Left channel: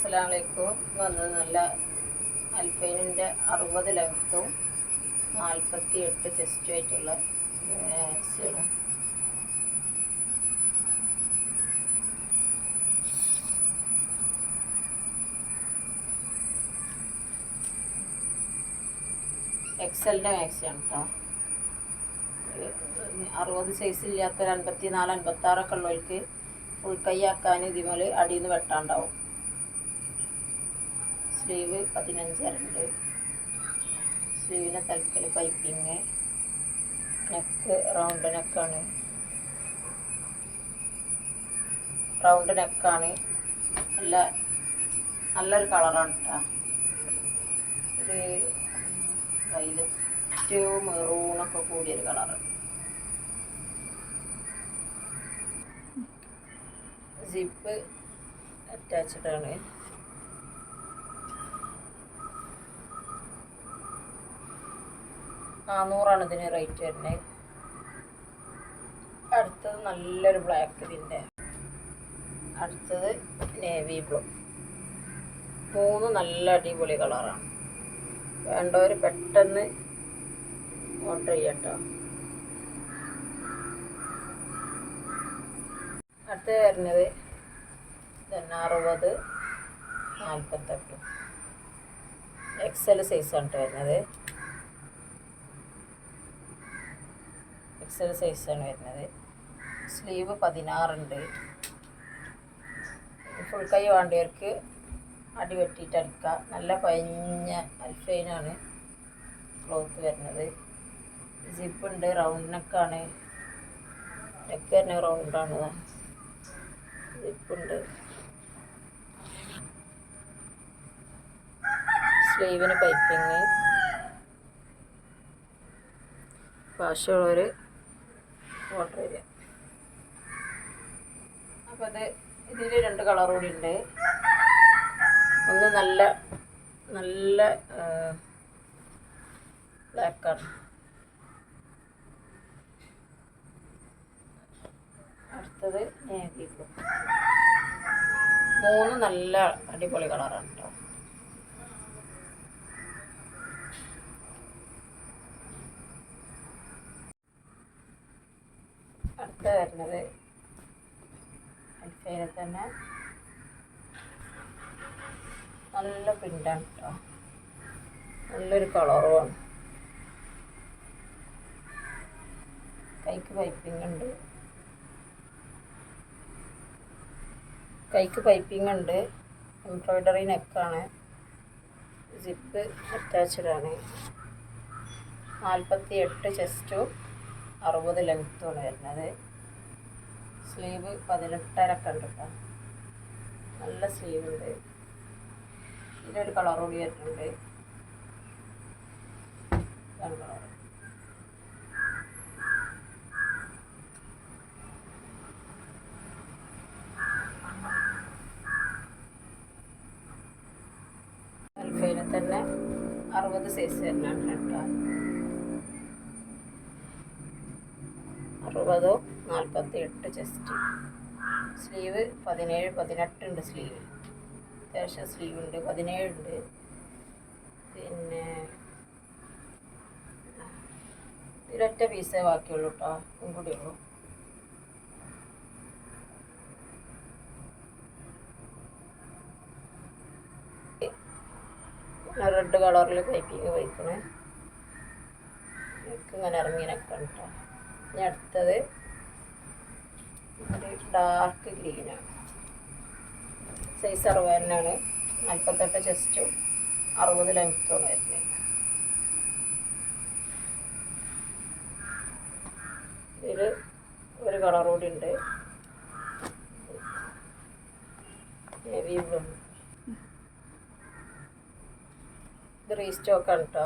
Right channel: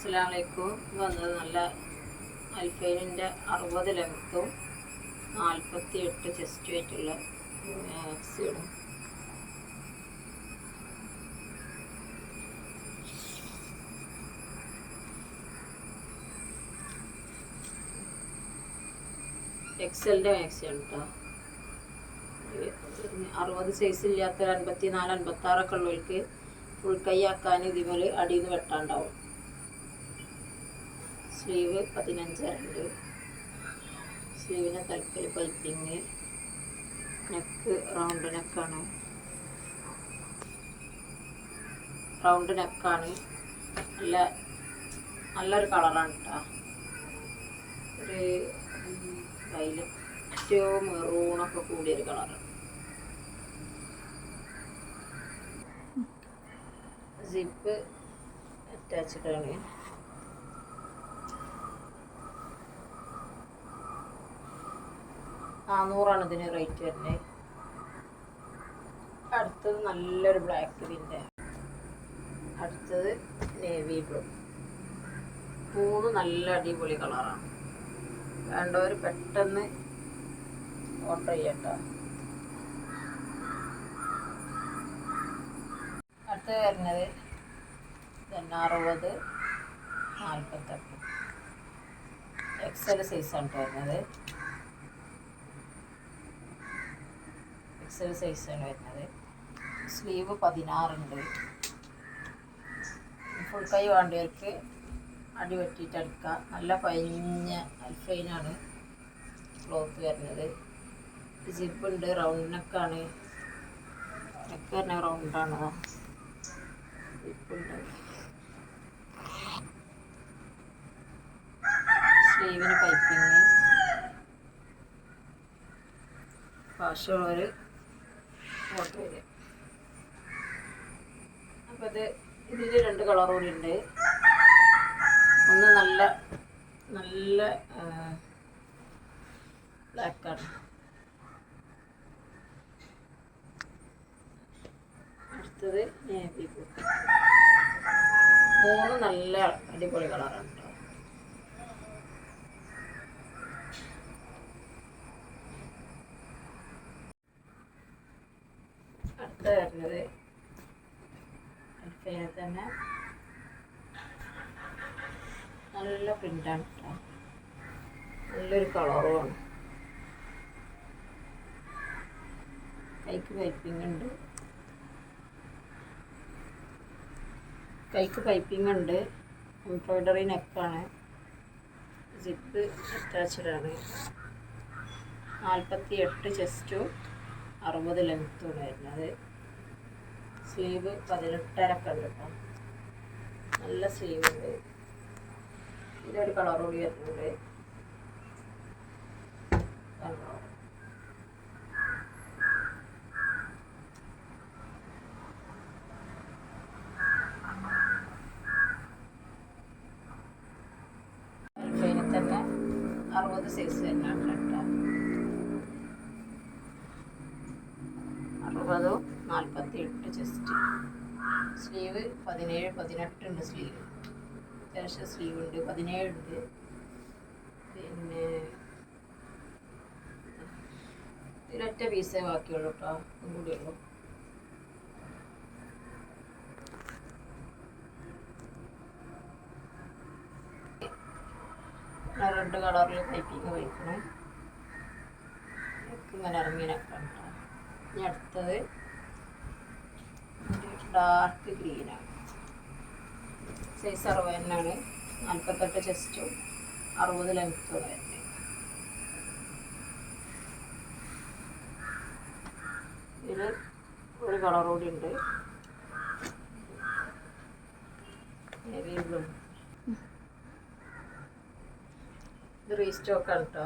അസ്സലാമലൈക്കും. വന്നത് നല്ല അൽഫൈനിന്റെ അറുപത് ലെങ്ത്തും നാൽപ്പത്തി എട്ട് ചെസ്റ്റും ആയിട്ടുള്ള മാക്സിയാണ് എക്സലിന്റെ മാക്സിയാണ് കേട്ടോ അറുപത് സൈസ് ഇല്ലാത്ത ഒരു അൻപത്തി നാല് അൻപത്തി ആറൊക്കെ ഉള്ളവർക്ക് ഫുൾ ആക്കാൻ ഇതിമേൽ അടിയിൽ നിന്ന് വെട്ടാണ്ടാവും. സ്ലീവ് പതിനഞ്ചരണ്ട് സ്ലീവിന്റെ തലക്കൽ പൈപ്പിങ് നെക്ക് റൗണ്ട് നെക്കാണ്. റൗണ്ട് നെക്കാണ്. നല്ല നല്ലൊരു കളറാണ് കേട്ടോ ഒരു വൈലറ്റ് മെറൂണൊക്കെ കൂടിയൊരു കളറ്. സിപ്പ് അറ്റാച്ച്ഡ് ആണ് നാന്നൂറാണ് ഇതിന് റേറ്റ് വരുന്നത് അടുത്തത് നല്ലൊരു ബ്ലാക്ക് ഇതിന്റെ അടുത്തത് നേവി ബ്ലൂ മൂന്ന് നല്ല അടിപൊളി കളറാണ് വേണ്ടവർ പെട്ടെന്ന് ഓർഡർ ചെയ്യട്ടോ. അടുത്ത് വരുന്നത് അറുപത് നാൽപ്പത്തെട്ട് എക്സൽ സൈസാണ് വരുന്നത്. എക്സൽ സൈസാണ് വരുന്നത്. സ്ലീവ് പതിനാറുണ്ട്. ഫുൾ കൈ വേണ്ടവർക്ക് അടി വെട്ടിയിട്ട് അടിക്കുക നല്ല പഞ്ഞ അൽഫൈനാണ് ക്ലോത്ത് വരുന്നത്. ജിപ്പ് ഉണ്ട് റൗണ്ട് നെക്കാണ്. നെക്ക് തന്നെ റൗണ്ടാണ് ജിപ്പുണ്ട് സ്ലീവിന് പൈപ്പിങ് ആവശ്യമുള്ളവർ അപ്പോൾ ഇത് ഇതിൽ രണ്ട് കളർ കൂടി ഉണ്ട്. ഒന്ന് നല്ല നല്ല ബ്ലാക്കാണ് അടുത്തത് നേവി മൂന്ന് നല്ല അടിപൊളി കളറാണ് കേട്ടോ അടുത്ത വരുന്നത് അൽഫേനെ തന്നെ നല്ല പ്രിന്റാണ് കേട്ടോ നല്ലൊരു കളറുമാണ് കൈക്ക് പൈപ്പിംഗ് ഉണ്ട്. കൈക്ക് പൈപ്പിംഗ് ഉണ്ട്. എംബ്രോയ്ഡറി നെക്കാണ് സിപ്പ് അറ്റാച്ചഡാണ് നാൽപ്പത്തി എട്ട് ചെസ്റ്റും അറുപത് ലെങ്ത്തുമാണ് വരുന്നത്. സ്ലീവ് പതിനെട്ടരക്കെ ഉണ്ട് കേട്ടോ നല്ല സ്ലീവ് ഉണ്ട്. ഇതിലൊരു കളർ കൂടി വരുന്നുണ്ട്. കണ്ടോ? തന്നെ അറുപത് സൈസ് വരുന്നുണ്ട് കേട്ടോ നാൽപ്പത്തി എട്ട് ചെസ്റ്റ് സ്ലീവ് പതിനേഴ് പതിനെട്ടുണ്ട് സ്ലീവ്. അത്യാവശ്യം സ്ലീവ് ഉണ്ട് പതിനേഴുണ്ട്. പിന്നെ ഇതിലൊറ്റ പീസേ ബാക്കിയുള്ളൂ കേട്ടോ കൂടി ഉള്ളൂ. റെഡ് കളറിൽ പൈപ്പിങ് വയ്ക്കണേ ഇങ്ങനെ ഇറങ്ങിനൊക്കെ കേട്ടോ ഇനി അടുത്തത് ഡാർക്ക് ഗ്രീനാണ് സൈസ് അറുപതിനാണ് നാൽപ്പത്തെട്ട് ചെസ്റ്റും അറുപത് ലെങ്ത്തും വരുന്നത് ഇതിൽ ഒരു കളർ കൂടി ഉണ്ട്. ഇത് റീസ്റ്റോക്കാണ് കേട്ടോ